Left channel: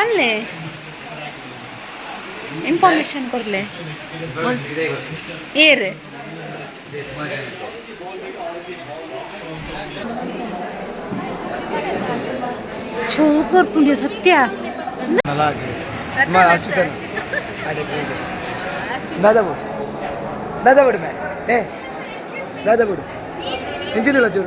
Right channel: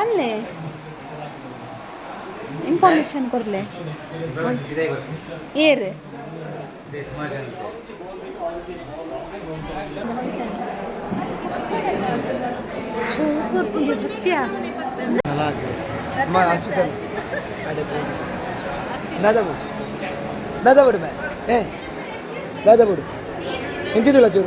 आणले इन्फॉर्मेशन करले ये रे ಶುಗರ್ ಪುಂಡಿ ಸತ್ಯ दादा बोल दादा बोल मैं ए दादा बोल इंची दिला चोर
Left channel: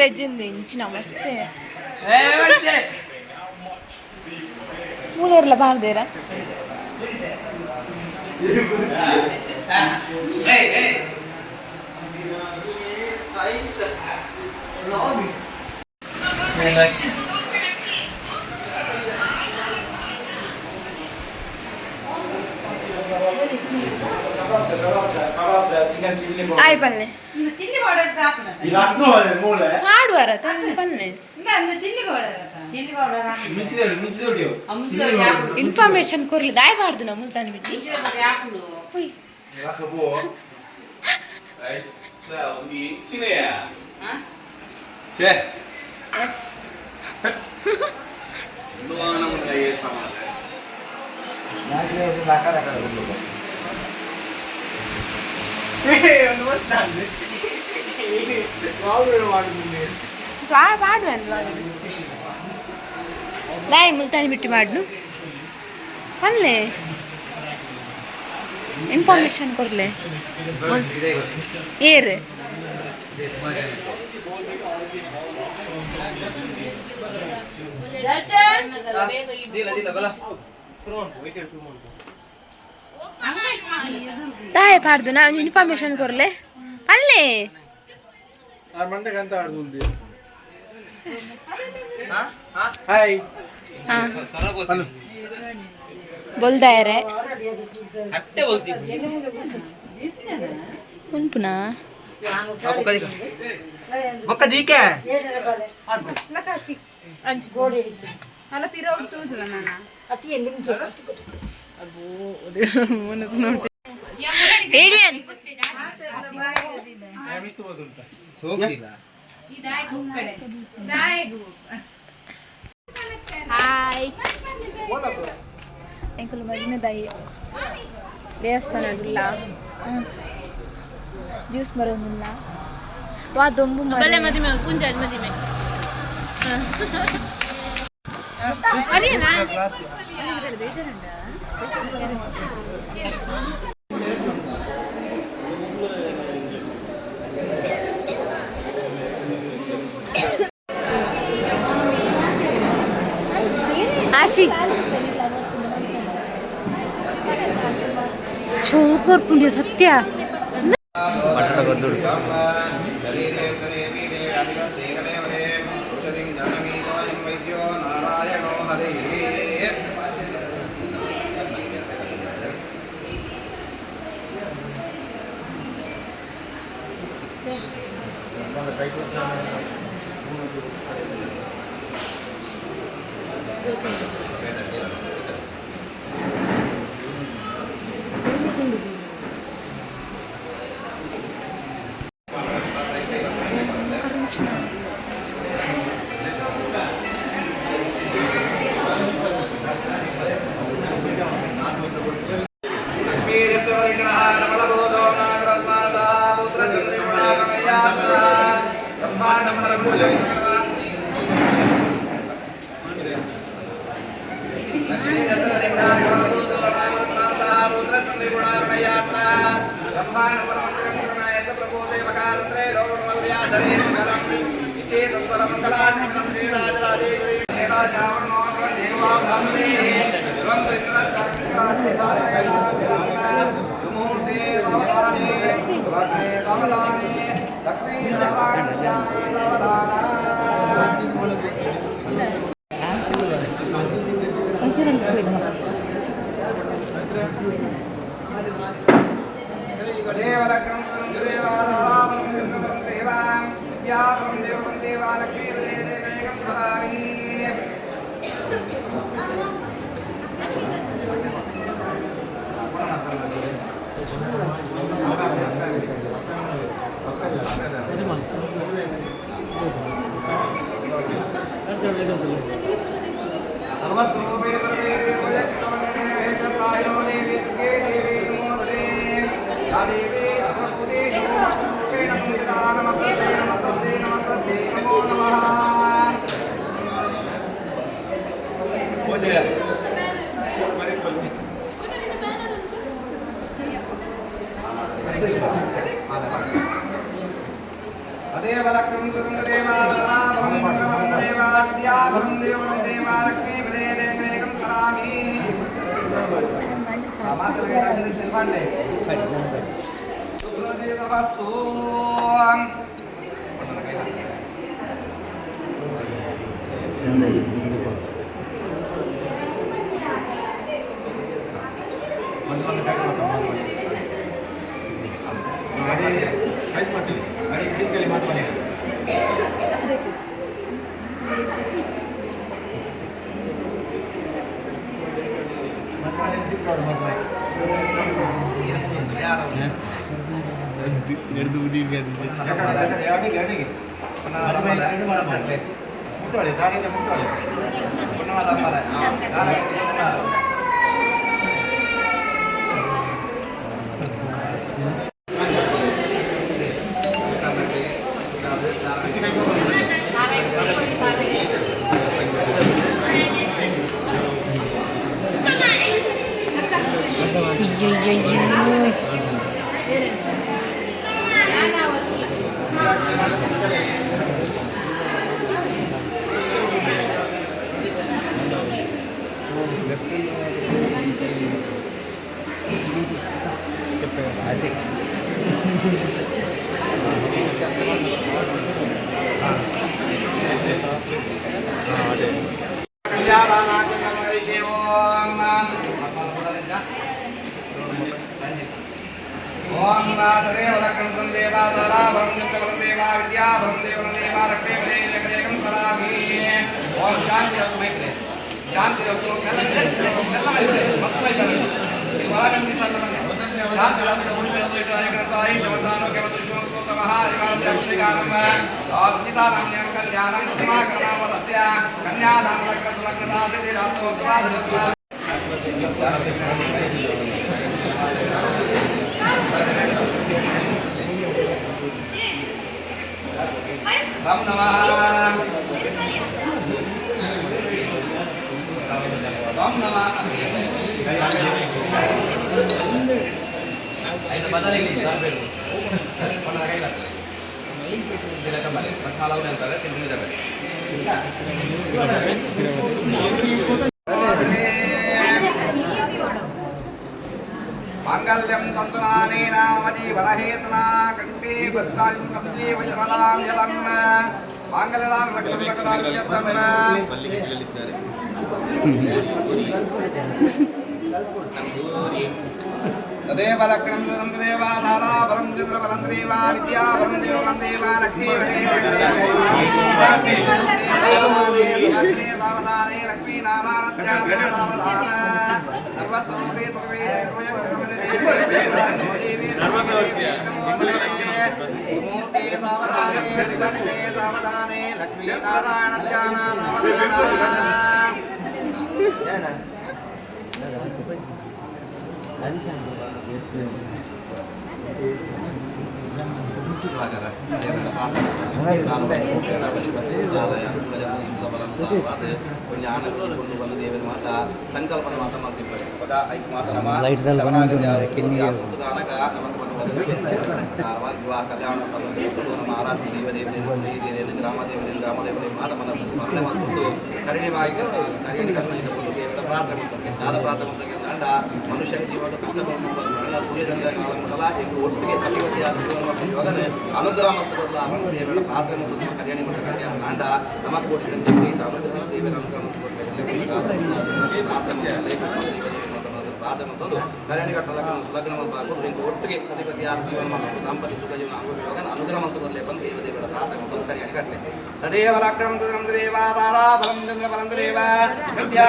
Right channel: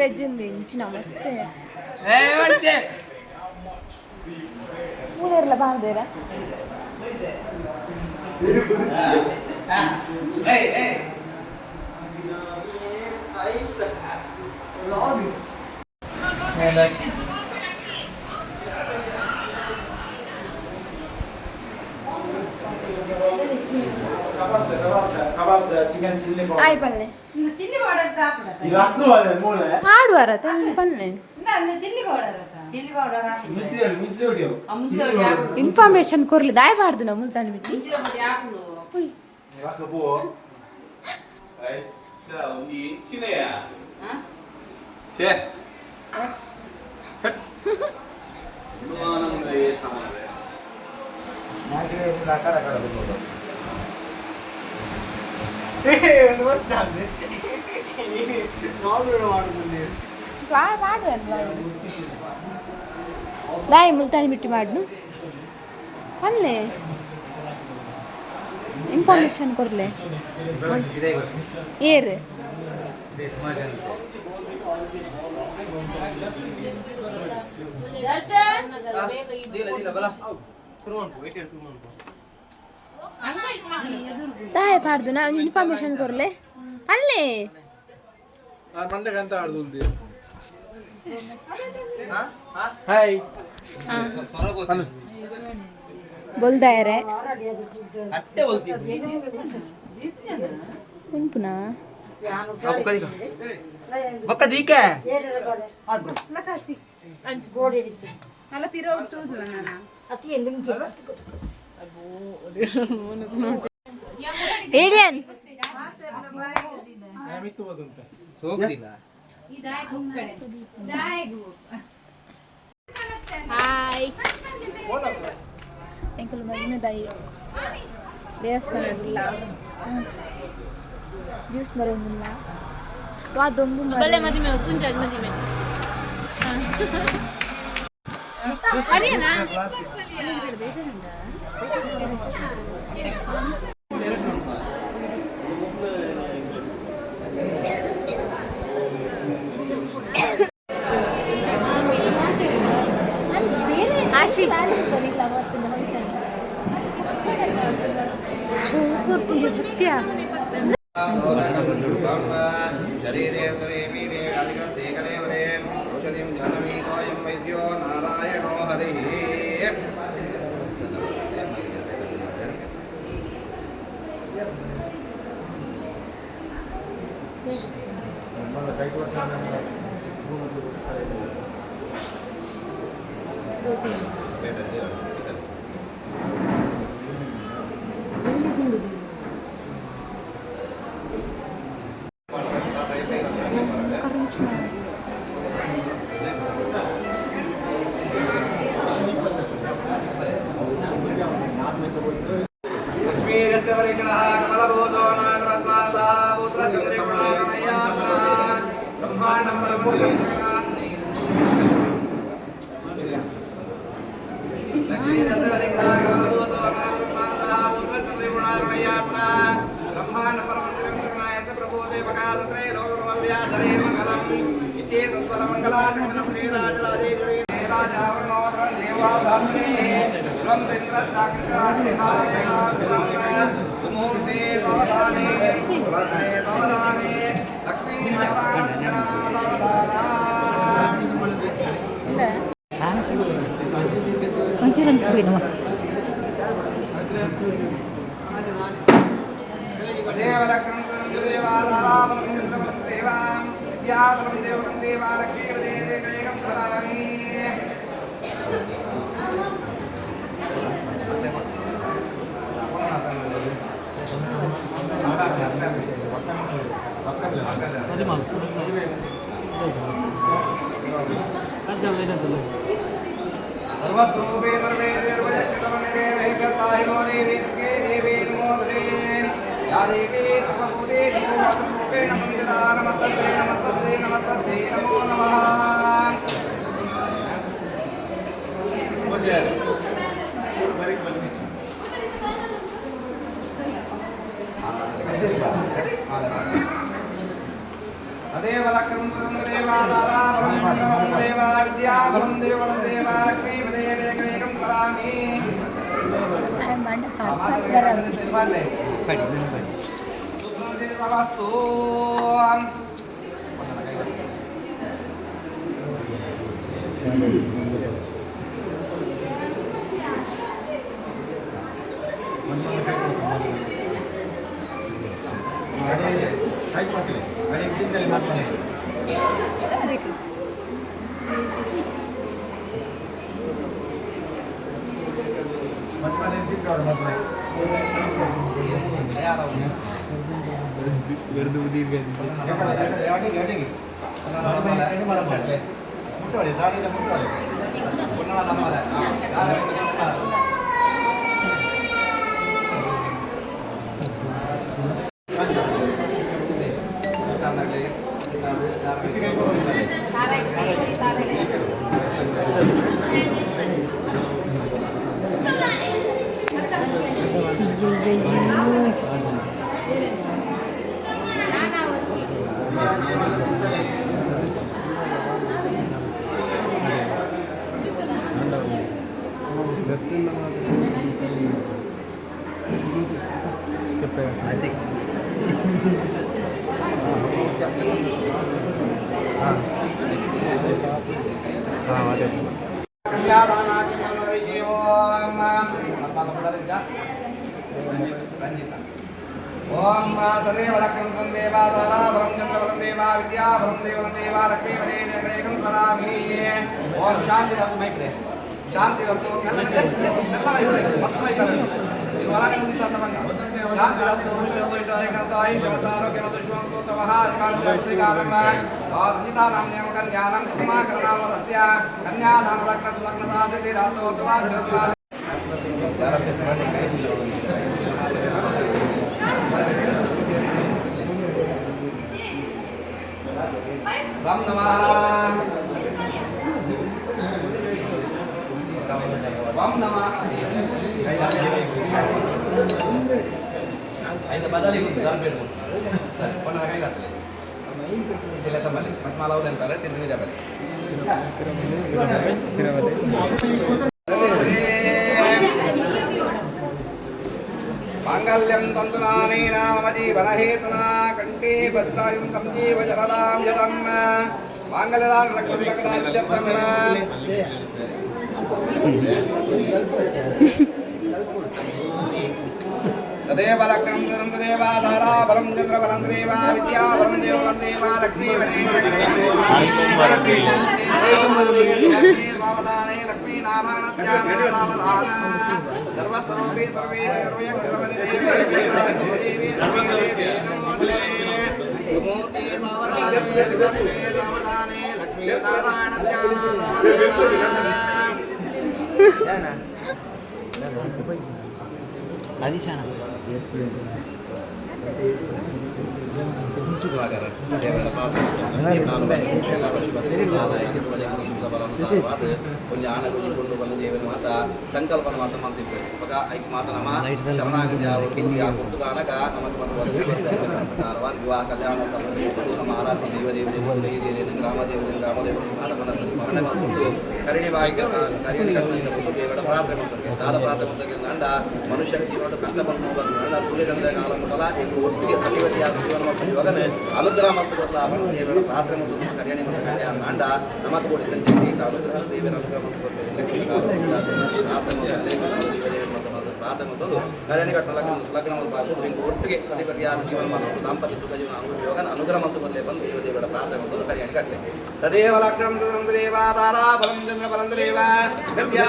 ಮ್ಯಾರೇಜ್ ನಮಸ್ತೆ ಮೂಲೆಲ್ಲ ಬಾರ್ದೇರ ಆಯ್ ಪಲ್ಲೆ ಹಾಡುವಾರ ಪಲ್ಲೆ ಇನ್ಫಾರ್ಮೇಶನ್ ಕೊರ್ಲಿ ದಾಯ್ ಬಾರ್ದು ನಮ್ಮ ಮುಲ್ತಾನ್ ಬಿಟ್ಟು ದಾಯ್ ಮುಲ್ತಾನ್ ಬಿಟ್ಟು ಮಾಡ್ನು ಅಲ್ಲೇ ಇನ್ಫಾರ್ಮೇಶನ್ ಕೊರ್ಲೆ ಏರ್ ದಾಯ್ ಪಾಡ್ದು ನಾ ಇನ್ಫಾರ್ಮೇಶನ್ ಕೊರ್ಲೆ ಅಲ್ಲೇ हाय बोलता है रे हट्टे बोलती कौन पुना बक्का दी क्या लकासी अंच गोडे मला पिरवड तू ना अति निंगे एलियन आम्ही तू बोलता सोप दिला ಹಾಯ್ ಎಂಕಲು ಮರಿನದಾಯಿ ದೇವಸ್ಥಾನವಿಲ್ಲ ಜ್ಯೂಸ್ ಬರೋದಿಲ್ಲ ವಾ ದೊಂಬು ಬಲೆ ಮದಿಮೆ ಪುಂಜಾಜ್ ಮದಿಮೆ ಅದೇನಾ ಬೇಜಾರುಂಟಾ ಶುಗರ್ ಪುಂಡಿ ಸತ್ಯ सर्वस्वरूपे सर्वे देवयक्षमने वेदाहिनो देवी देवी नमोदरे या देवी सर्वभूतेषु मातृरूपेण संविदा नमस्ते नमस्ते नमस्ते नमो नमः तदेव लक्ष्मीं देवादाराभं देवाद्याभं देवं देवालक्ष्मी प्रेरेकं करामि सुप्रसिद्धवस्तु ओम तदेव लक्ष्मीं देवादाराभं देवा विद्याभं देवा लक्ष्मी प्रेरेकं करामि ओम शांति रघु मेकरे शांति रघु ಎಲ್ಲ ಇದೆ ಮಸ್ತ್ ಇದೆ ಇವಾಗಂತಿ ಸಲ್ಲಮನ್ನ ಶಾಂತಿ ರಘು ಇಟೈಕಂತಾಯಿ ಸಮತಾರೋಗ್ಯ ಮತ್ತು ಶಿವಕೋತಮಃ ಹರಿವಾರ್ಯಾಪ್ತಿಗಾನಂ ಆದಿತಾನಾಮ್ಯಂ ಕಲ್ಯಾಣಂ ಸಮಾಕರಣವರಸ್ಯ ಕನ್ಯಾದಾನ ಲಗ್ನದಾಸತಿ ರಾತೋತ್ವಾದ Ram Namah Ram Namah Ayo badali sampai pernah lagi lah tidak kembali pas malau dan tarik sini muda balik Mangalyam tantunani namadi barahetna kanti bhadrayum kanti vajralam yatam mangalam lakam lakam yatam तदेव लक्ष्मीं देवा धारा परम चंद्र परम देवा विद्या परम देवा देवा लक्ष्मी सावधाने लक्ष्मी नारायण सावधान सर्वस्वरूपे सर्वे मूर्ति सावधाने लक्ष्मी नारायण सावधान ಸಾಗರ ದೇವರ ಪಾತ್ರ ಎಲ್ಲ ಪಶುಪತಿಗಳಾಲಯಕ್ಕೆ ಬಲಂಸಾವಾದ ಜ್ಞಾನ ಕೊಂಡು ಬಂದು ದೇವರ ಮಾತ ಸಂಕಲ್ಪನ ಮಾತ ಮಾಡ್ತಿರ್ತಾರೆ ಇವಾಗ ಐದು ಮಾತ ನಮ್ಮ ಶರಣಾಗತಿ ಯಾವುದು ಕಾರಣಕ ನಮಗೆ ಒಂದು ಒದಗಿಸಬೇಕಾಗಿ ವಿವಾಹ ಕಲ್ಯಾಣ ಸಂಬಂಧಿಸಿಕೊಂಡು ನಮ್ಮ ಆರಾಧನೆ ದೇವದೇವರಿಂದ ಹಿರಿಯರೇನು ಗ್ರಾಮ ದೇವರಿಂದ ಮಾನವನ ಸ್ಮರಣೆ ಮಾಡಿಕೊಂಡು ಕರಿಣಿವಾಗಿ ಕರಿಣಿಕೊಂಡು ದೇವರ ಪ್ರಾರ್ಥನೆ ಮಾಡ್ತಾರೆ ದಾದ ಪ್ರಾರ್ಥನೆ ಮಾಡಿದ ಮನುಷ್ಯ ಜೀವನ ಕಷ್ಟಪಟ್ಟು ಬಂದ ಸೂರ್ಯಚಂದ್ರ ಕಾಲ ಮೊದಲ ಎಂದು ಒಟ್ಟಿಗೆ ಸಲಿವತಿಯಾದ ಜೀವನ ಮಾಡ್ಕೊಂಡು ಇವಾಗ ಅನುಗ್ರಹ ಮತ್ತು ದೇವರ ಪ್ರಾರ್ಥನೆ ಮತ್ತು ಕರಿಯಾಣಿ ಮತ್ತು ನಾಂಡ ನಮಗೆ ಕೊಟ್ಟಿದ್ದಂತೆ ಅನುಗ್ರಹ ದೇವರ ಅನುಗ್ರಹ ಪ್ರಾರ್ಥನೆ ತಂದು ಕಲ್ಯಾಣಿ ಕಟ್ಟಲಕ್ಕೆ ಸುಲಗ್ನ ಮಾಡಬಾರ್ದು ಇಂದು ಒಟ್ಟಿಗೆ ಸತಿಪತಿಯಾದ ಜೀವನ ಮಾಡಬೇಕು ದಾಂಪತ್ಯ ಸುಖ ಜೀವನ ಆಗುವಾಗ ಅನುಗ್ರಹ ಮತ್ತು ಬರಲೇ ಬಂದು ದೇವ ದೇವರ ಪ್ರಾರ್ಥನೆ ಮತ್ತು ಕಲ್ಯಾಣಿ ಕಟ್ಟಲೆ ತದೇವ ಲಗ್ನಂ ದೇವ ತಾರಾ ಬಲಂ ಚಂದ್ರ ಬಲಂ ದೇವ ವಿದ್ಯಾ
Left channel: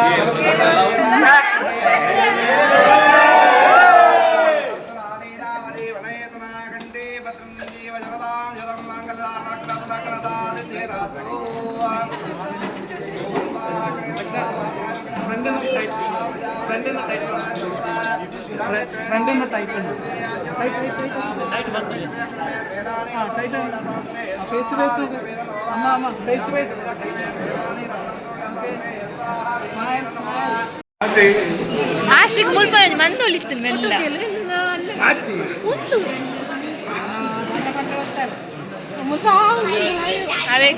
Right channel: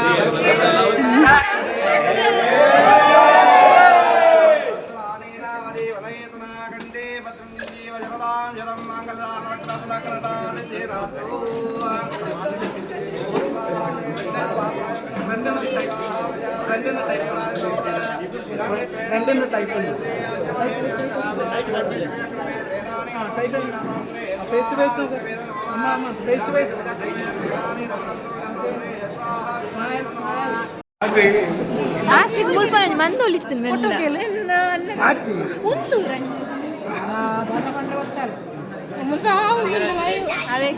ಆಶಿಗೆ ಮುಲ್ಪನ ಮಂದೊಲಿತ್ತು ಮೆಲ್ಲ ಅವೇ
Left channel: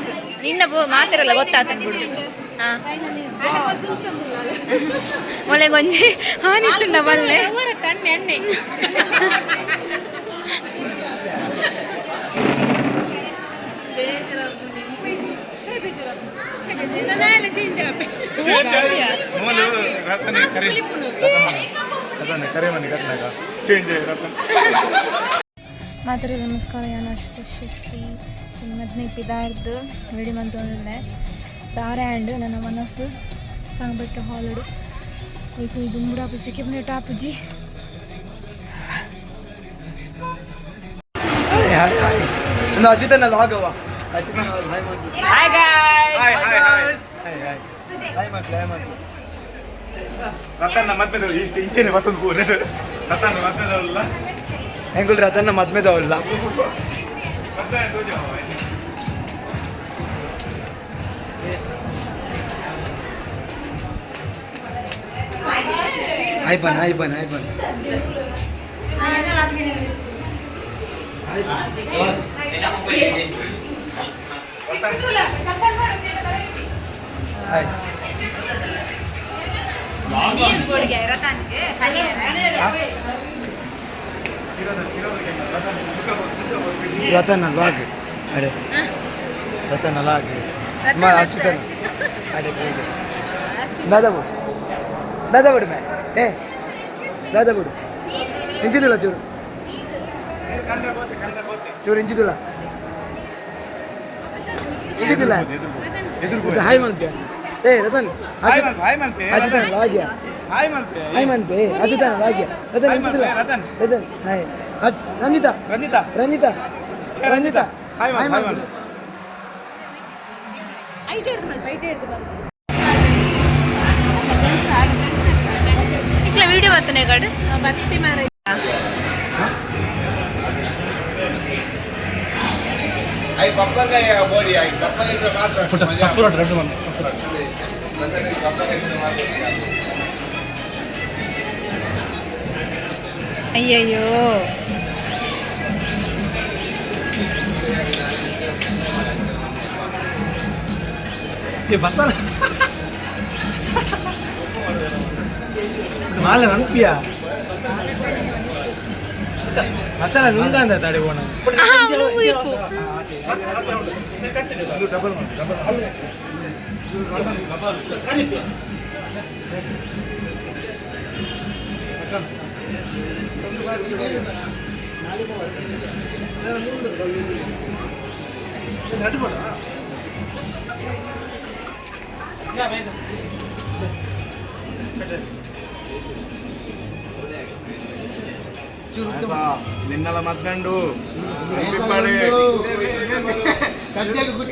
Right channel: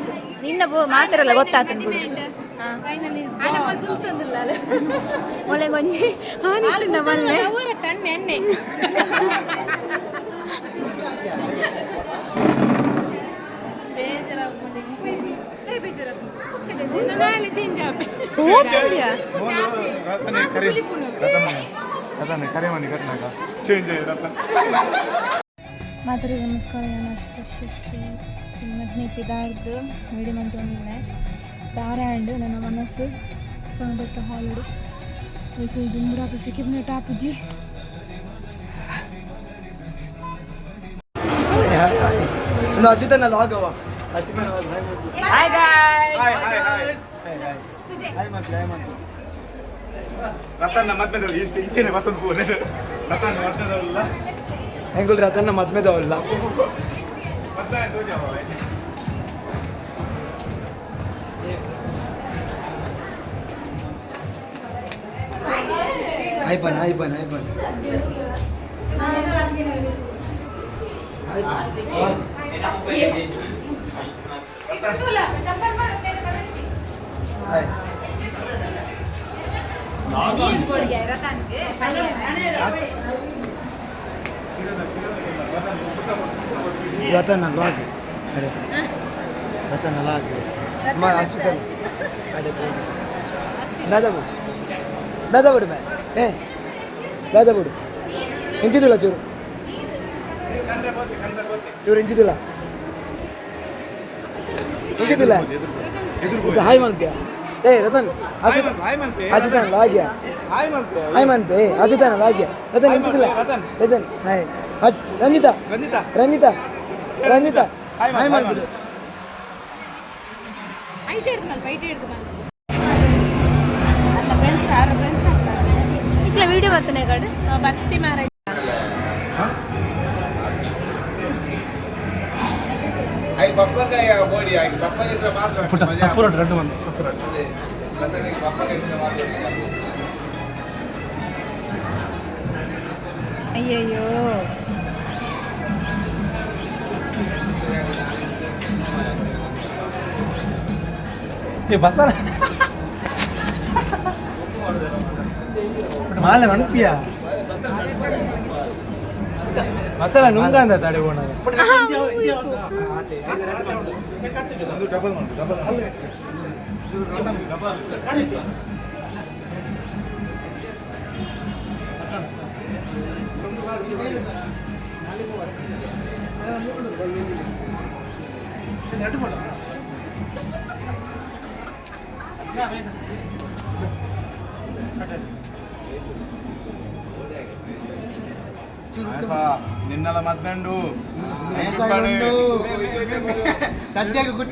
ನಿನ್ನ ಮಾತಿರಲ್ಲ ಗೊತ್ತಾಗ್ತದೆ ಬಿಡು ಮೊಲೆ ಗೊಂಜಿ ಹಾನಿತ್ತುಂಡ ಮಲ್ಲೆ ಮಾತ್ರ ನಮಸ್ಕಾರ ಯಾನಶ್ವಸಿ ಮದ್ನೆ ಪಿದಾರ್ದು ವಿಡಿ ಮಂತೊಂದಿಲ್ಲ ದಾರ್ಯಾಂಡ್ ನನ್ನ ಮನಸ್ಸು ಸಂಗಬೆಟ್ಟ ಹಾಲಡು ಈಗ ಇದು ಮುಡಾಪು ಸಿಕ್ಕಿಬ್ನೆ ಟಾಪುಜಿ ಅಚಿತನ ಲಾಗವ ಅಚಿತನ hi guys hi guys hi ಮಾಡ್ಲಿ ರತನ್ನ ಮದ್ಮೆದವ್ರು ಇಷ್ಟು ಇಂಚೆನೆ ಮತ್ತೊಂದು ಕೂರ ರತನ್ನ ಮದ್ಮೆದವಲ್ಲ ಹೆಂಗುಲ್ ರತನ್ನ ಮದ್ಮೆದವಲ್ಲ ಐಬನ್ ಐಬನ್ ಐಬನ್ रतन लाग अरे रतन लाग असितन अरे दादा बुड मैं ए दादा बुड इंचिदुला चूर चूर इंचिदुला ಇದು ಹಾಯ್ ಮನ್ಪೆ ಏ ರತನ್ ಅಜಿತನ್ ಲಾಗ್ಯ ಹಾಯ್ ಮನ್ಪೆ ಅಜಿತನ್ ಲಾಗ್ಯ ರತನ್ ಇಂಚಿದಿಲ್ಲ ರತನ್ ಹಾಯ್ ರಂಜಿತಾ ರಂಜಿತಾ ರಂಜಿತಾ ಹಾಯ್ ಮನ್ಪೆ ಇಕ್ಲ ವಿಡಿಯೋ ಬರ್ತನೆ ಕಡೆ ಭಕ್ತಿ ಮಾರ आई पप्पा का या बोरी आई पप्पा ने तो बात सपोर्ट रेड मन सपोर्ट पप्पा ने तो बात ಅಯ್ಯಯ್ಯೋ ये बसा माल अणुपिया ಮಸಾಲ ನುಂಗಂದ ತಡೆ ಓಣ ಅವನು ಇಪ್ಪು ಡಬಲ್ ಡಬಲ್ ನಿನ್ನಲ ಮದ್ದಂಡು ಸದ್ಯಕ್ಕೆ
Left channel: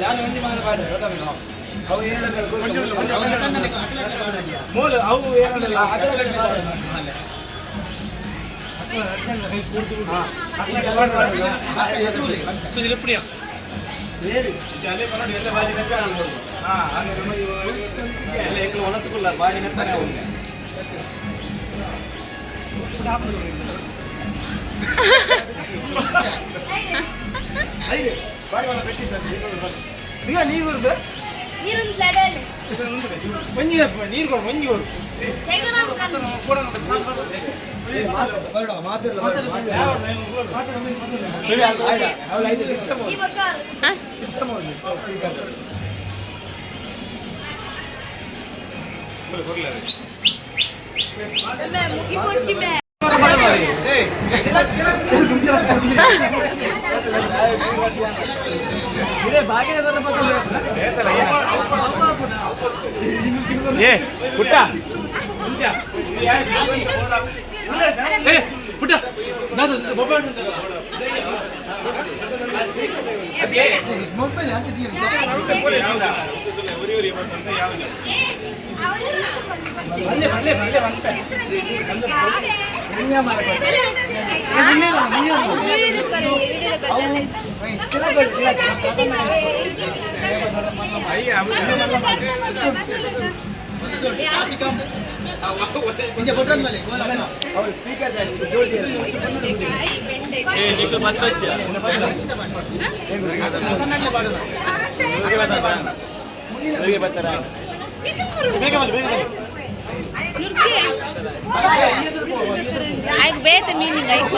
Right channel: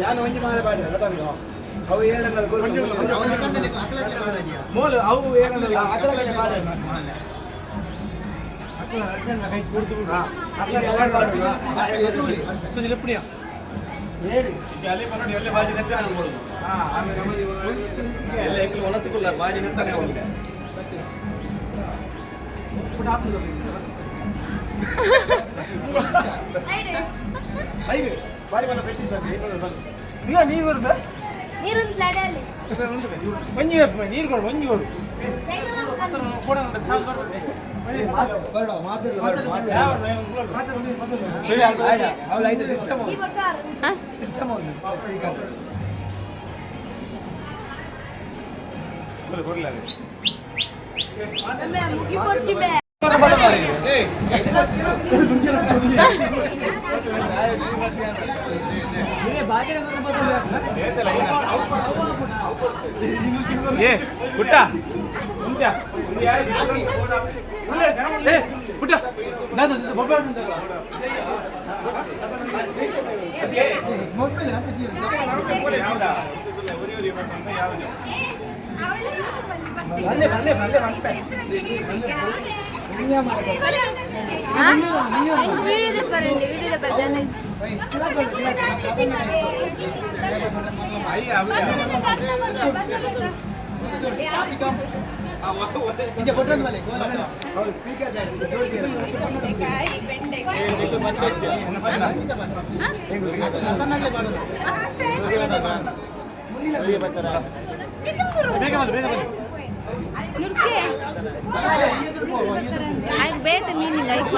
ಯಾನು ಒಂಜಿ ಮಾಲೆ ಬಾಡಿ ಗೊತ್ತಾಗ ಅವು ಏನಂದ್ರೆ ಮೂಲ ಅವು ಏನಂದ್ರೆ ಅದರ ಬಾಡಿ ಕೈ ಕೂಡ್ತು ಸುಜಿಲ ಪುಡಿಯ ಬೇರೆ ಅಲೆ ಬನ್ನಡಿ ಎಲ್ಲ ಬಾಜಿ ನೆಕ್ಕ ಅನ್ಬೋದು ಅಂದ್ರೆ ನಮಗೆ ಎಲ್ಲ ಏಕಲು ಒಲಸುಕುಲ್ಲ ಬಾಜಿ ನೆತ್ತನೆ ಅವನಿಗೆ ಐದು ಬಾರಿ ಮನ ಪೆಟ್ಟಿ ಸರ್ ನೀರು ಬರುತ್ತೆ ನೀರು ಲಡಲಿ ಮಂಜಿ ನೀರು ಕೊಡು ಮಂಜಿ ಕೊಡು ಸಿಸ್ಟಮ್ ಸಿಸ್ಟಮ್ ಮುಗಿ ಪೊಚ್ಚಿ ಮೇ ಏ ಪುಟ್ಟ ಏ ಪುಟ್ಟ ನಾನು ಮೊಬೈಲ್ ಆಯ್ತು ಬೇತೆ ಮೀನಿಂಗ್ ಆಯ್ತು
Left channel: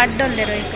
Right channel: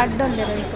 ಅಡ್ಡೊಂದೆ ರೈತ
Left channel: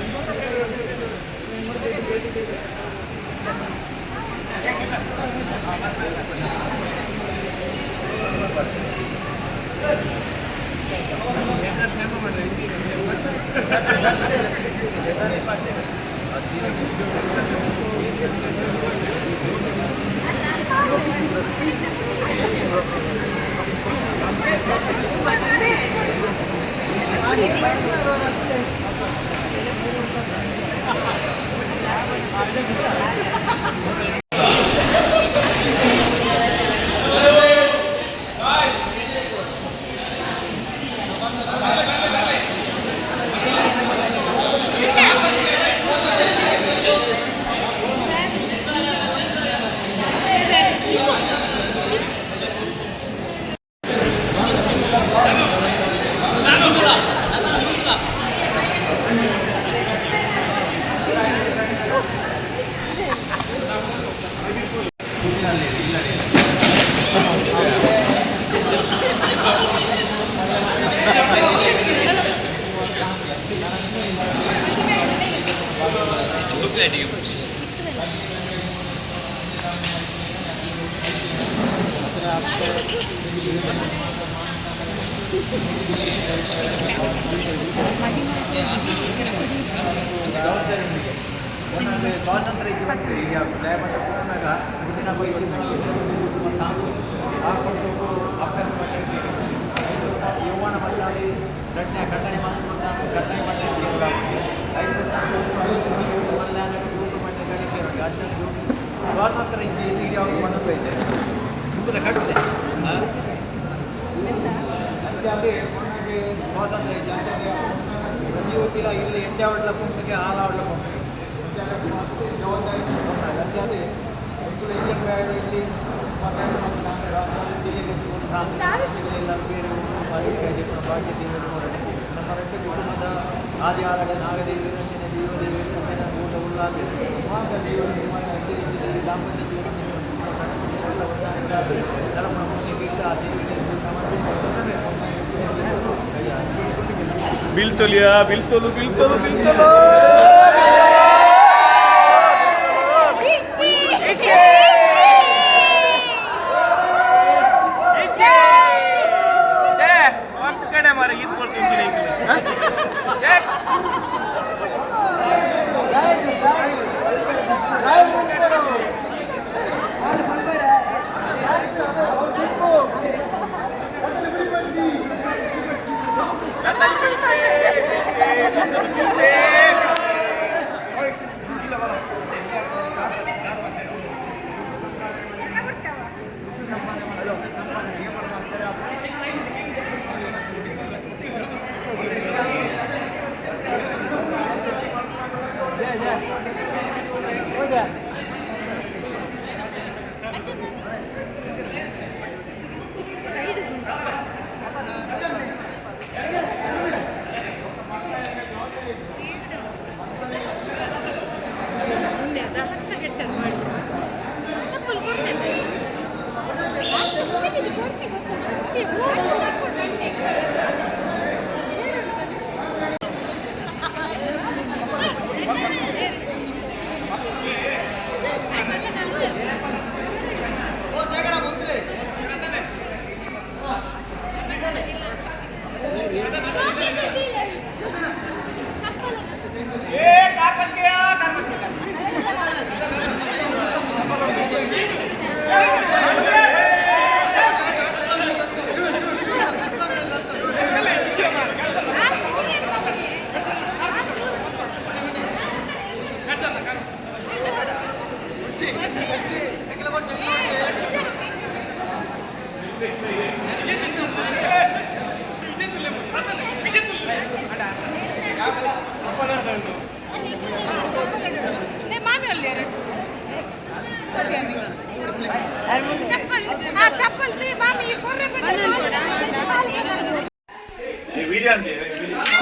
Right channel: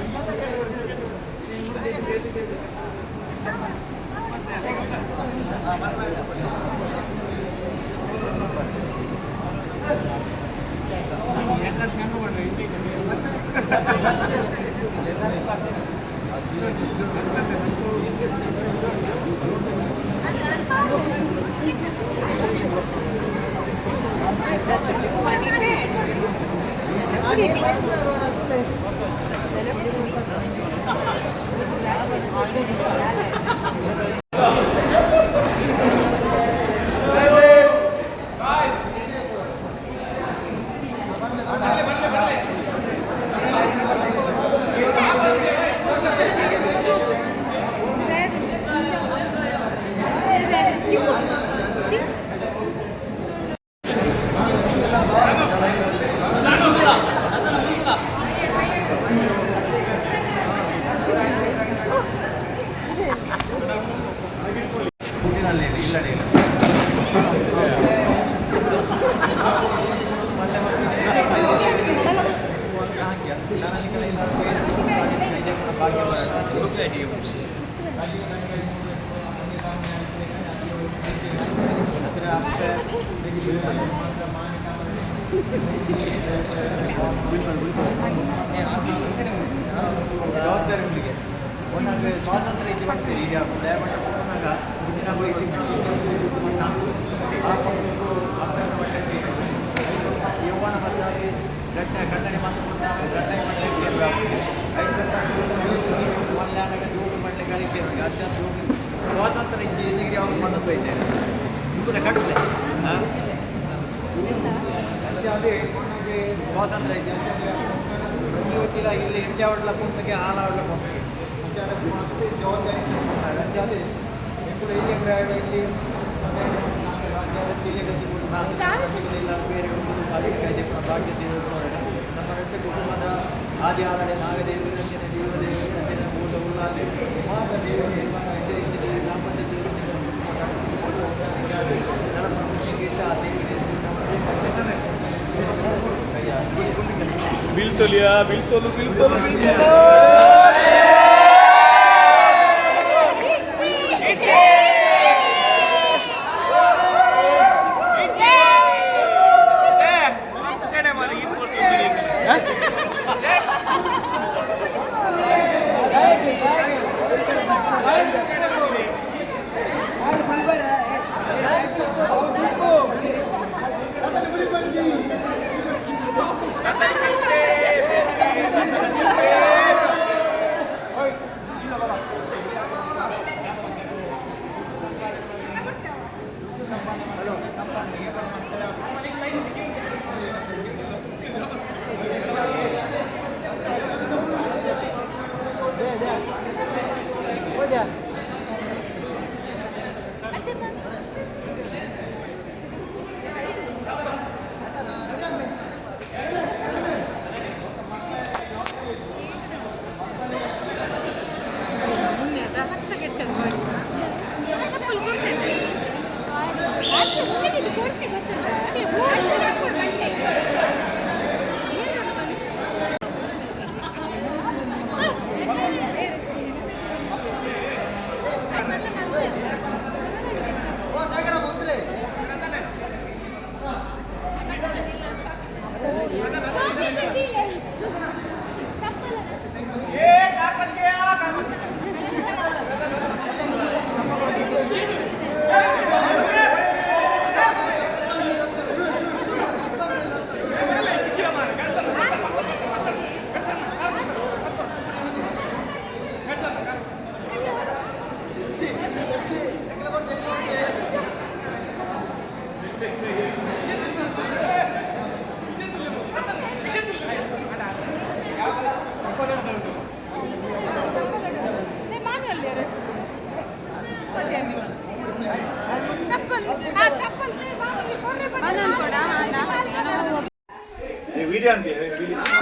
ಜವಾಬ್ದಾರಿಯೊಂದಿಗೆ ಒಂದೊಂದು ಸ್ವಾತಂತ್ರ್ಯ ಜೀವನಕ್ಕೆ ಈಗ ದಯಮಟ್ಟ ಕೂತ್ಕೊಂಡಾಗ ಹುಟ್ಟಿನ ಬೈಕಿ ಹಾಕೊಂಡು ಅಪ್ಪನ ಮಟ್ಟಕ್ಕೆ ಯೌವನ ಮಟ್ಟಾಗಿ ಖಂಡನೆ ಮಾಡ್ಕೊಂಡು ಖಂಡನೆ ಮಟ್ಟಕ್ಕೆ ಮಲ್ಯಾಣ ಜೋಗು ಮಟ್ಟೆ ಕಲಿಕೆ ಅಜ್ಜ ಜೋಗು ಸ್ವಾತಂತ್ರ್ಯ ಎಲ್ಲಿಗೆ ಅವ್ರು ಮಣ್ಣು ಬೈತೆ ದುಃಖದ ಕಟ್ಟಲೆ ಅಂತೆ ಅದೇ ಮೊನ್ನೆಗೆ ಸ್ವಾತಂತ್ರ್ಯ ಐತೆ ಅಂತೆ ಪ್ರತಿ ಒಟ್ಟಿಲ್ಲ ಇಲ್ಲಿ ಇಂಡಿಯಾ ಆಡಲ ಪೊಮ್ಮೆಗೆ ಹಾಲು ಆಡಲ ಪೊಮ್ಮೆಗೆ ಮಸ್ತ್ ಜವಾಬ್ದಾರಿ ಅಂತೆ ಅದೇ ಎಂಟು ಇಲ್ಲಿ ಇಲ್ಲಿ ಜಿಲ್ಲೆ ಕಟ್ಟಿಕೊಂಡು ಎಲ್ಲರೂ ಬೇರೆ ಅಡಿಗೆ ಭಾಗ್ಯ ನೋಡೋಣ ನಮ್ಮ ರೆಡ್ಡ ಕುಟುಂಬದ ಆದಿ ಆಲಡೆ ನಾಗದೇವಿ ರಂಜಿನ ದೇವದೇವಿ ರಂಜಿನ ಊಟ ಉಲ್ಲಾದೆ ಮಾತ ದೇವರ ನಿರ್ಮಾಣ ಹೆಜ್ಜೆ ಹೆಜ್ಜೆ ದಾಂಪತ್ಯ ಜೀವನ ಗಿಟ್ಟ ಆ ದೇವಿಗೆ ಬಿಲ್ ತೊಲಿಯಾ ಬಿಲ್ ತೊಲು ಬಿಲ್ ತೊಲು ಬಿಲ್ ತೊಲು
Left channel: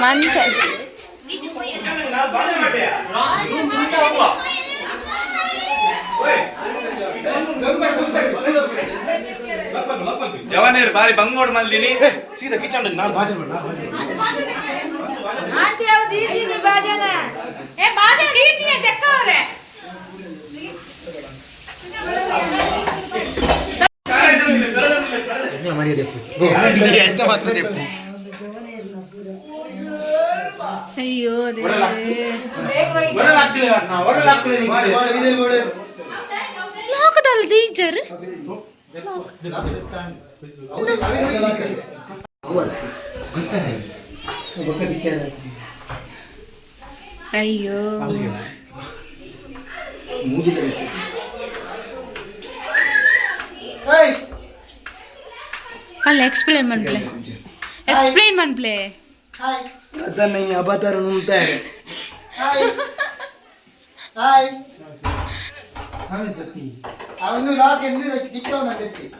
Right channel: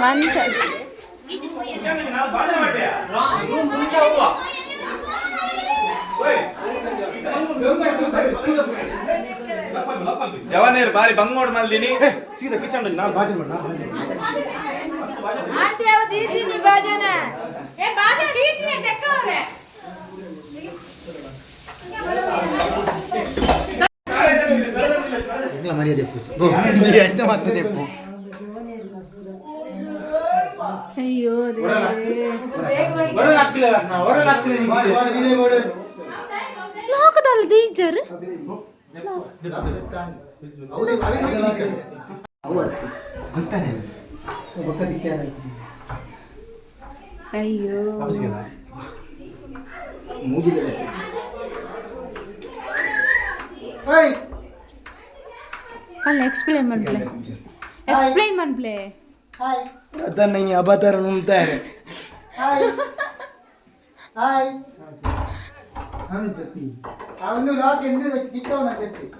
ಮಂತೆ ಜವಾನೇರು ಬಾರಿ ಬಂಗ್ ನೋಡ್ ಮಲ್ದಿನಿ ಸೀದಾ ಕಿಚನ್ ಅಲ್ಲಿ ನಾನು ಭಾಜನ ಆಂಟಿ ಯಾವ ದೀದಿ ಭಾಜನ ಏ ಬಾದೆ ದೀದಿ ತೆಕ್ಕವ್ರೆ ಮರ್ಯಾದೆ ಎಂತ ಮಾತ್ರ ಅಯ್ಯೋ ದೇವರೇ ಲಾಕದಲ್ಲ ಟೀಚರ್ ಅಯ್ಯೋ ಅಲ್ಲ ಎಕ್ಸ್ಪ್ಲೇನ್ ಮನ್ಪ್ಲೆ ಅದನ್ನ ಈ ಅಬಾತಾರ ನುಂಗ್ತಾರೆ ಅವನು ಲಾಕ್ ಎಂದು ತಿಕ್ಕವನಾಗತ್ತಿ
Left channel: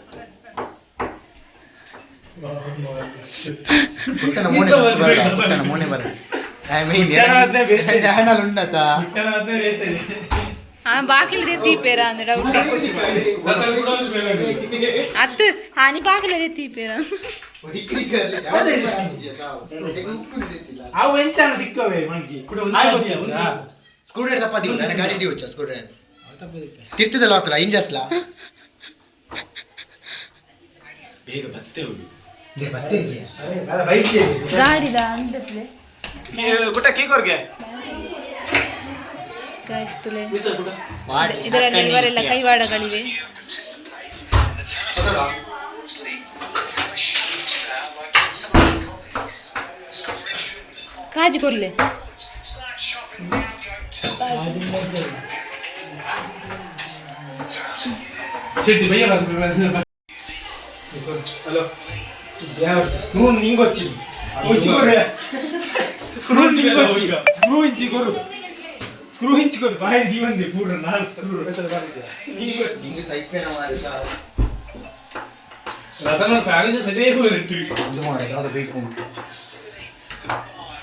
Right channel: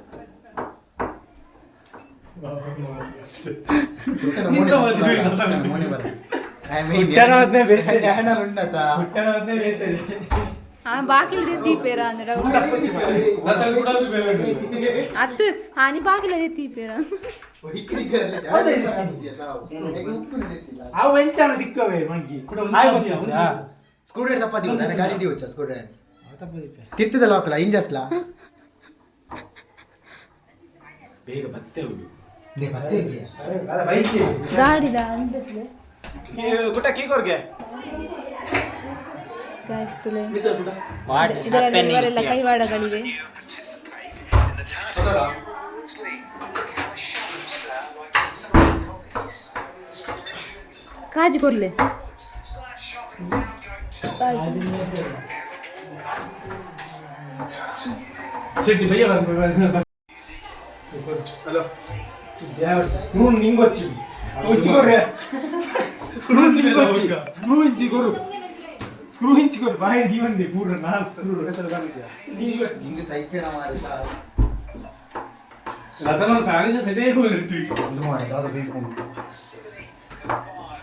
ಬಾಕಿಲ್ ತೀಪೇರ ಅಂದ್ರೆ ಡೌಟ್ ಅತ್ತು ಹಾನಿ ಬಾಕಿಲ್ ತೀಪೇರ ಸ್ಕ್ರೂ ಡ್ರೈವರ್ ತಪ್ಪ ನನ್ನ ಗಾಡಿ ದಿವಚ್ಚ ಸ್ಕ್ರೂ ಡ್ರೈವರ್ ತಿರ್ತದ ಲಾಕಲ್ಲ ಇಂಜಸ್ಲ ಬೇಗ ಬತ್ತೇವು ಗಾಡಿದ ಅಂತಪ್ಲೆ ಕುಟ್ಟ ಕೀಕೋರ್ಗೆ ಕಾಯಿಸ್ತುಲೆ ಇದರಲ್ಲಿ ಇವರೆಲ್ಲ ಕೈವಾಡಗಳಿವೆ ಕಾಜಿ ಕೊರ್ಲೆ ಶೆಟ್ಟಿ ಭಯ್ಯ ಹಲೋ ಸ್ಕ್ರೂ ನಿಂಗೊಚ್ಚಿ ಸ್ಕ್ರೂ ಹಿಂಚಿಕೊರು ಬಾಯಿ ನೀವಂದೆ ಪೂರ್ಣ ನಾನು ಸ್ಕ್ರೂ ರತನ ಫ್ಯಾಮಿಲಿ ಸರಿಯೇ ಹೋಗಿರ್ತೀವಿ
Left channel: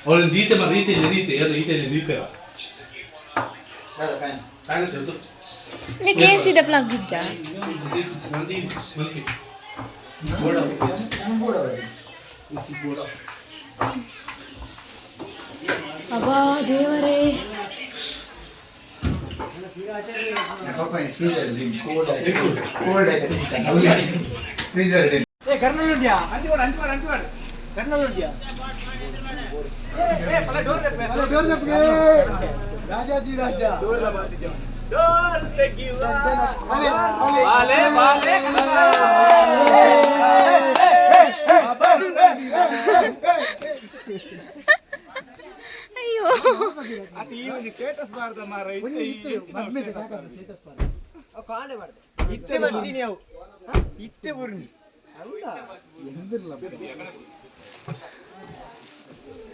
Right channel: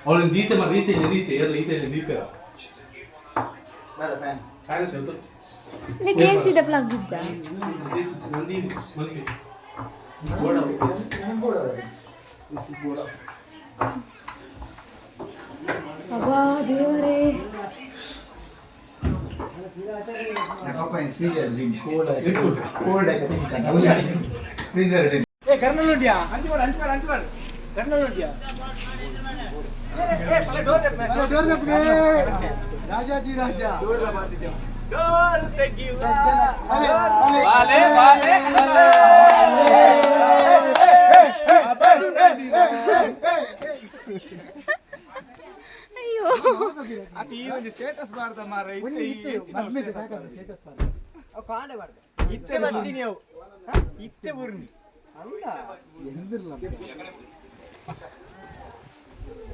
ಅವಳು ದೀತೆ ಬಂದ ದೀತೆ ಎಲ್ಲ ದೀಪ ಕೇಸಿದ ಪ್ಲಗ್ ಇದ್ದ ಅಬ್ಬಾ ದೇವರೇ ಕರ್ನೂಲ್ಡಿಯಾ ಅಂಚಿವಾಡ ಕರ್ನೂಲ್ಡಿಯಾ ರಾಜಾಜಿ ರಾಜ ಅಯ್ಯೋ ಅದು ಈ ಒಂದು ಸ್ಟೇಟಸ್ ಮಾಡ್ದ ಮಾರ ಇತ್ತೆ ಬರ್ತೀನಿ ಅವು ಇತ್ತೆ ಬುರ್ನಿ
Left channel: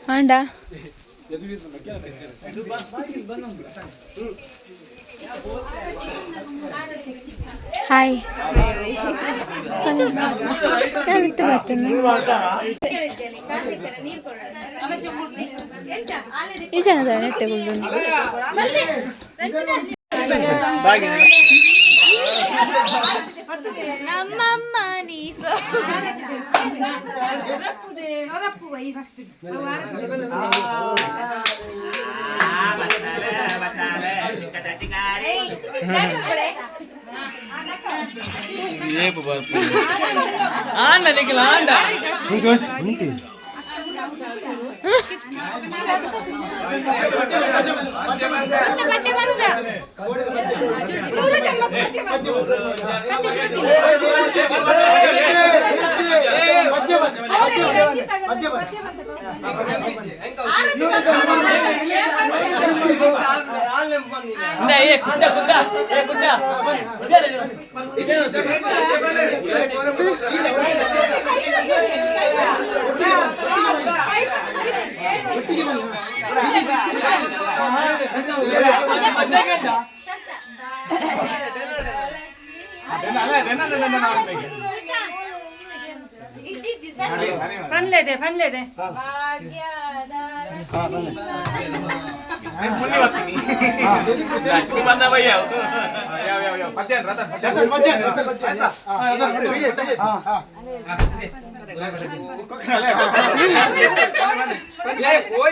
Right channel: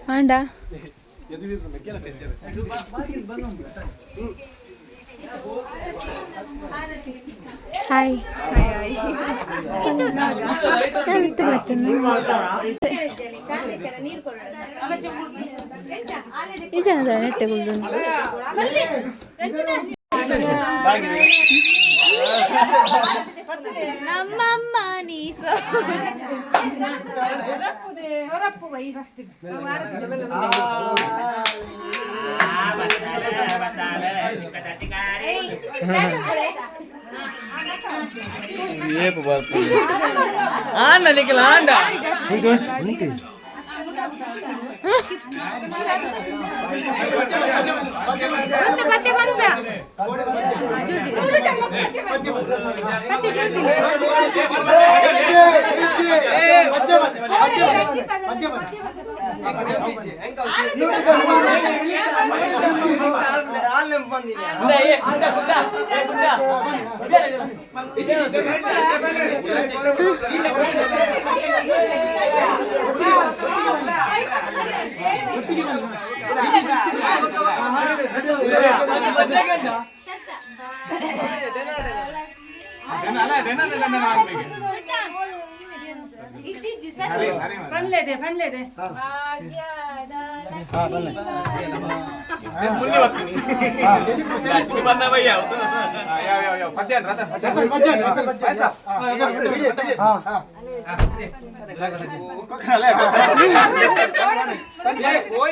ಆಂಡ ಹಾಯ್ ಯಾವತ್ತು ಬರ್ತೇನೆ ಈ ಜನದ ನೆಟ್ಟೆಗುಳ್ದು ನಮ್ಮಮ್ಮ ನೀಸೋ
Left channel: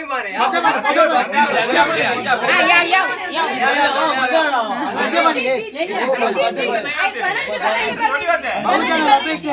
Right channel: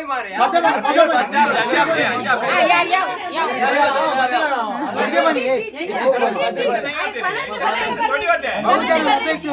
ಮಾರೆ ಬಹುಜನರ ಅಪೇಕ್ಷೆ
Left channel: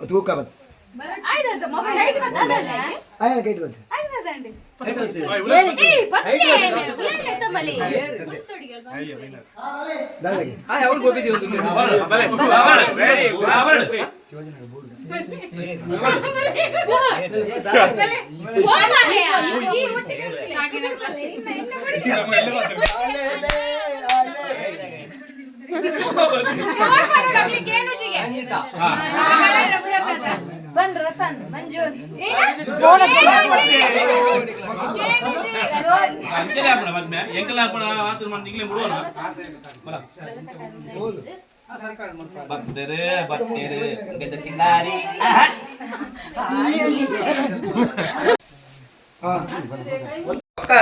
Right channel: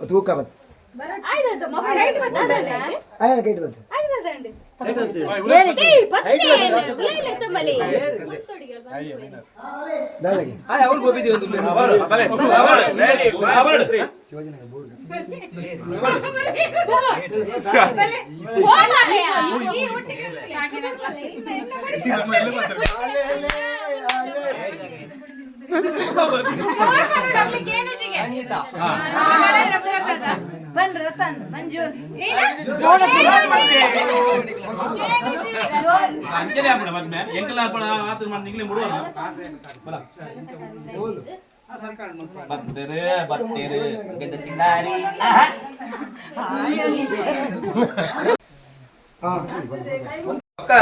ತೂಕ ಬಂತು ఆయన కైట్ ಬಂತು बन रतन मंजूर अंजलि आपण मत में ಎಂಕಲ आपण ಆತರ ಮನ್ ನಿಗ್ಲೆ ಮುಡುವನ ಬಲ ಬಂದರೆ ಬತ್ತೇರೆ ಗೆದ್ದ ತಿಂದಾರಿ ಪಕ್ಕ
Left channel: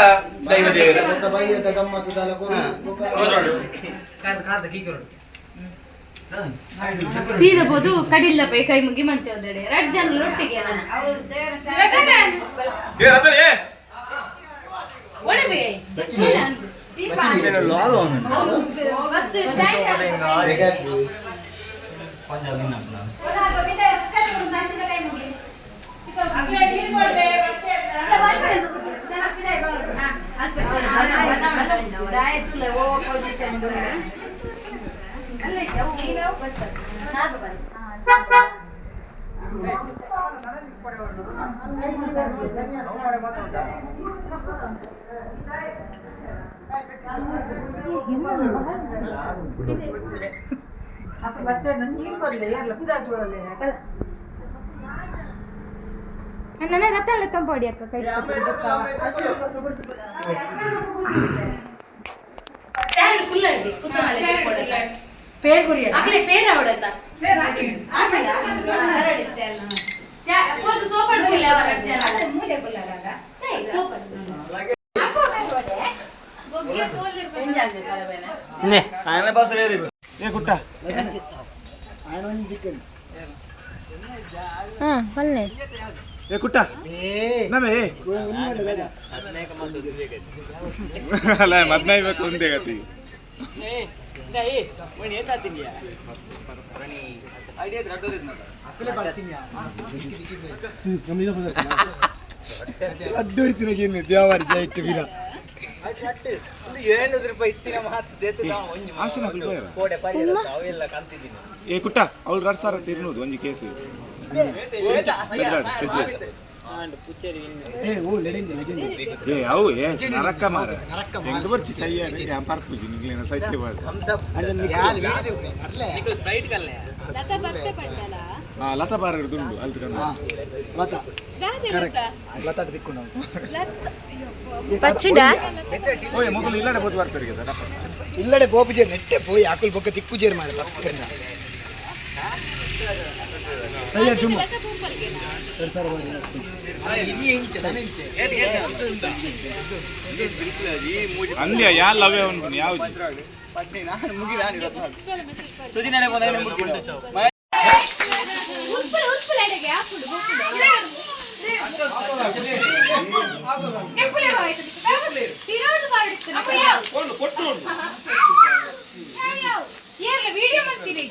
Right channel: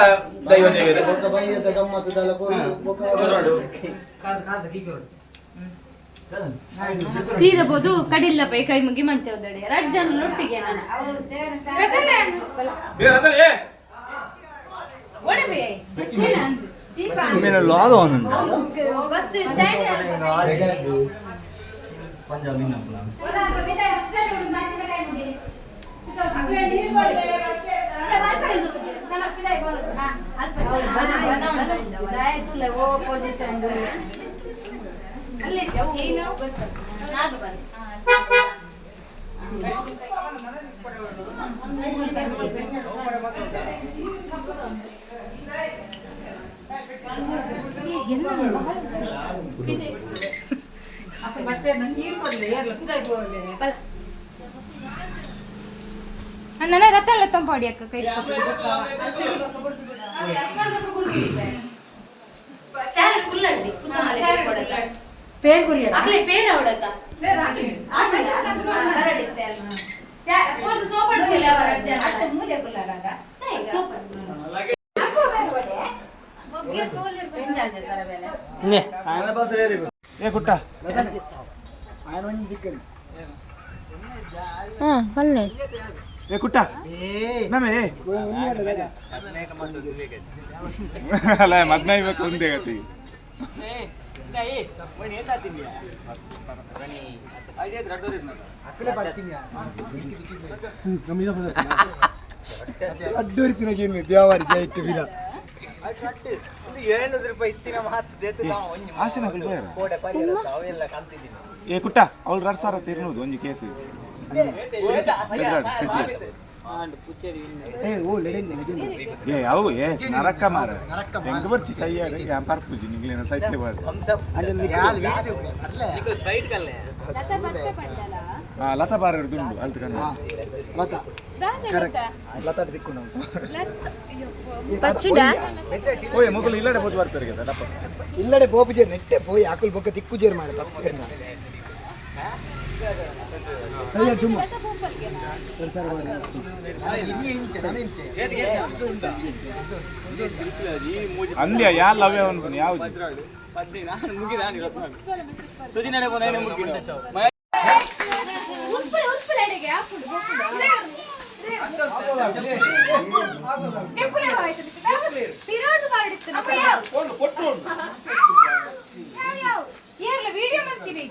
ದೈವ ದೇವರ ఒక బయ్యద గమ్మత్తు తలకు ఒక ಸೀದಾ ಬೋದು ಕಡಿಲ್ಲ ಪೈ ಕೈ ಮುಗಿ ಮಂಚ ಒದ್ದಡೆ ರಡ್ ಜನ ಲೊಟ್ಟಿಗೆ ನಾನು ಏ ರತನ್ ಏ ಒಡಬೆ నేను లాగా ఉన్నాను ಫಸ್ಟ್ ಸ್ಟ್ಯಾಂಡ್ ನನ್ನ ರಥ ಎಲ್ಲ ತಂಪಾಡಿ ಅಕ್ಕ ಕೈ ಅಕ್ಕಲೆ ಪೇರ ಹೊಡಕ ಹರಡಿತ್ತೆ ಅಲ್ಲ ಸೋಪಡ್ ಮೂಲೆ ಹೊರಡ್ತೇನೆ ಮೂಲೆ ಕುಲ್ಲರಾಗ ಏ ಕುಟ್ಟ ఆయన ಒಂದು ದಿಕ್ಕಲ್ಲಿ ಹಾ ಬನ್ನಿ ಏ ಕುಟ್ಟ ನಮೇ ಅಲ್ಲ ಮದ್ಮೆ ಬೇಕು ಒಂದೇ ಗತಿ ಅಡ್ಡೋರಿತಿನ ದೇವಾರಿ ಸೈಟ್ ವೀರ ಏ ಕುಟ್ಟ ಅವಳು 2,000 ತಿರ್ನೋದು ಒಂದು ಕೇಸು ಏ ಅವು ಏ ನರಕ ಮಾರ ಎಂಗ ಬರ್ಚಿ ಸೈಯಾಗಿ ನಾನು ಪಾರ್ಪುಜಿ ನಿಗ್ಲೇನ ಸೈಟ್ಗೆ ಬಾದ ಲತಾ ಬಾರರು ದುಂಡು ಅಲ್ತಕನ ಲತಾ ಕರೆಕ್ಟ್ ಲತಾ ದಿಕ್ಕು ನಾವು ಓಯ್ ಮೊದಲು ಇಲ್ಲಡ ಬೋದು ಬರ್ತಾರೆ కదా ಡಪ್ಪ ಇಲ್ಲಡೆ ಬೋಪುಜೆ ನೆಟ್ಟೆ ಪೋಯಿ ಆಕುಲ್ ಬೊಕ್ಕ ದಿಕ್ಕು ಜೇರ್ ಮಾರ ತಪ್ಪೇರ್ನ ಅಂದ್ಯ ಯಾ ಲವ್ ಅವನು ಯಾವುದು ವಿಡಿಯೋ ಮಾಡ್ತೀನಿ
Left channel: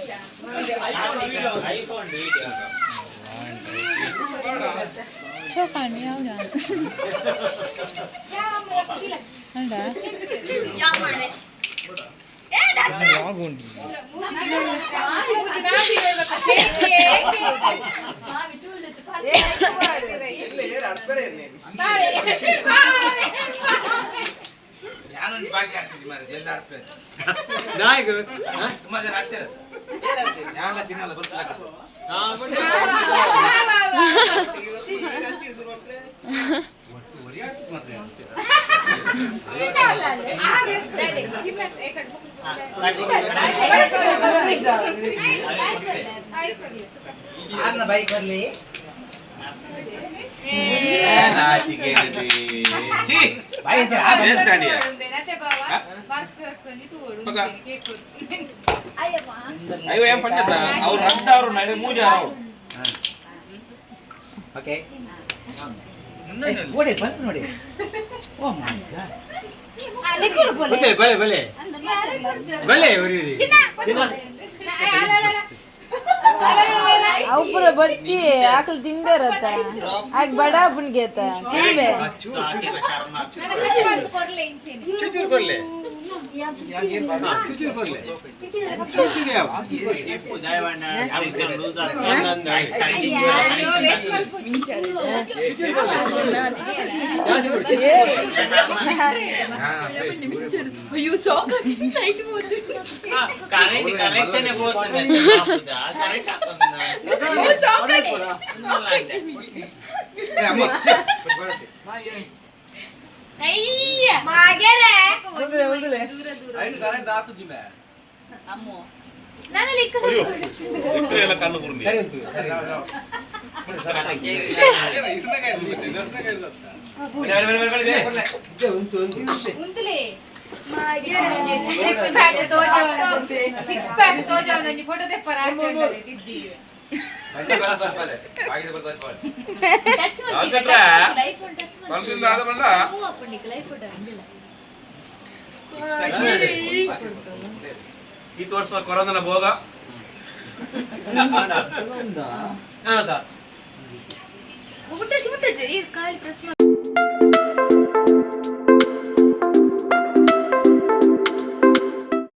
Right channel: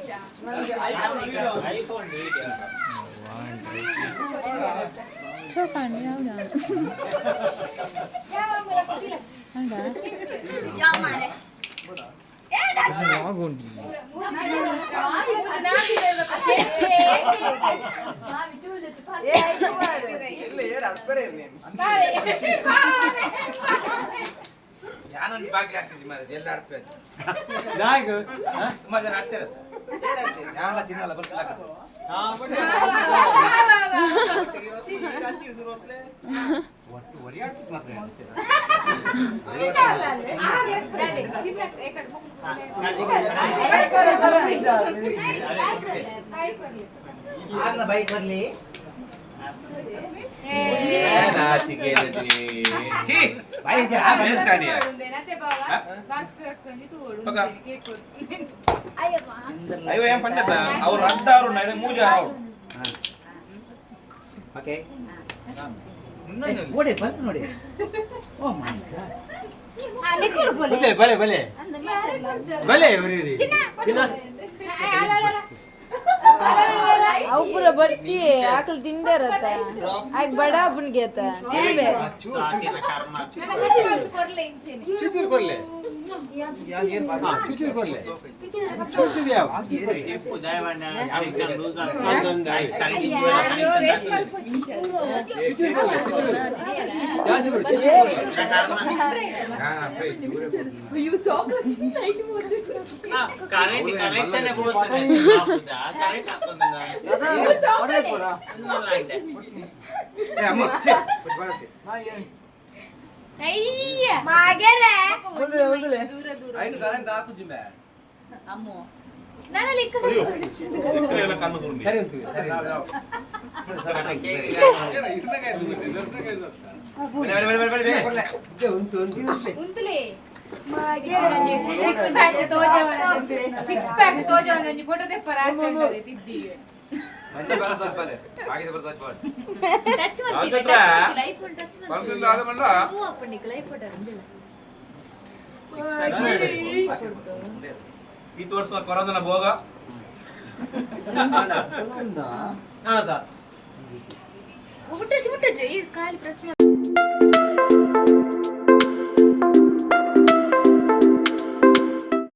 ಯಾನೊಂದು ಬಾಕಿ ಆಗ್ತಿದ್ದೆ ಮಾರೆ ಜಲ್ದಿ ಆಡ್ತಾರೆ ನಾಯಿಗಳು ಸುಮಾರು ಜನ ಆಡ್ತಾರೆ ಯಾನ ಚಿನ್ನಲ್ಲ ಬರ್ತಿಲ್ಲ ಬೈಕ್ ಬರ್ಲಿ అయ్యో ఏం పండిత ಅವ್ರು ಅಡ್ಡ ಅವರು ನಡೆ ಮೂಜಾರ ಅವರು ಓಕೆ ನೋಡಿ ಬಂತು ನೋಡಿ ಓ ಮೈ ಗಾಡ್ ಬಲೆ ಬಲೆ ಬಲೆ ಅವು ಪೂರ ಬಚ್ಚಿ ಆಕಲ್ ತಿಂದಿರತ್ತ ಆಗ ಬಡ ಅಪ್ಪನ್ ಗೇತ ಕೇವೆ ಚುಚೂರು ಬರ್ಲೆ ಚುಚೂರು ಬರ್ಲೆ ಎಲ್ಲ ಕಣ್ಣು ಬರುಂದಿ ಸರಿ ಉಂಟು ಉಂಟು ಫೋಟೋ ತೆಪ್ಪರ ಈ ತೋರ್ಸುವ ಕೊರೋನಾ ಭೋಗ ಮುಟ್ಟಚ್ಚು ಈ ಕಾಯಿ ಪ್ರೆಸ್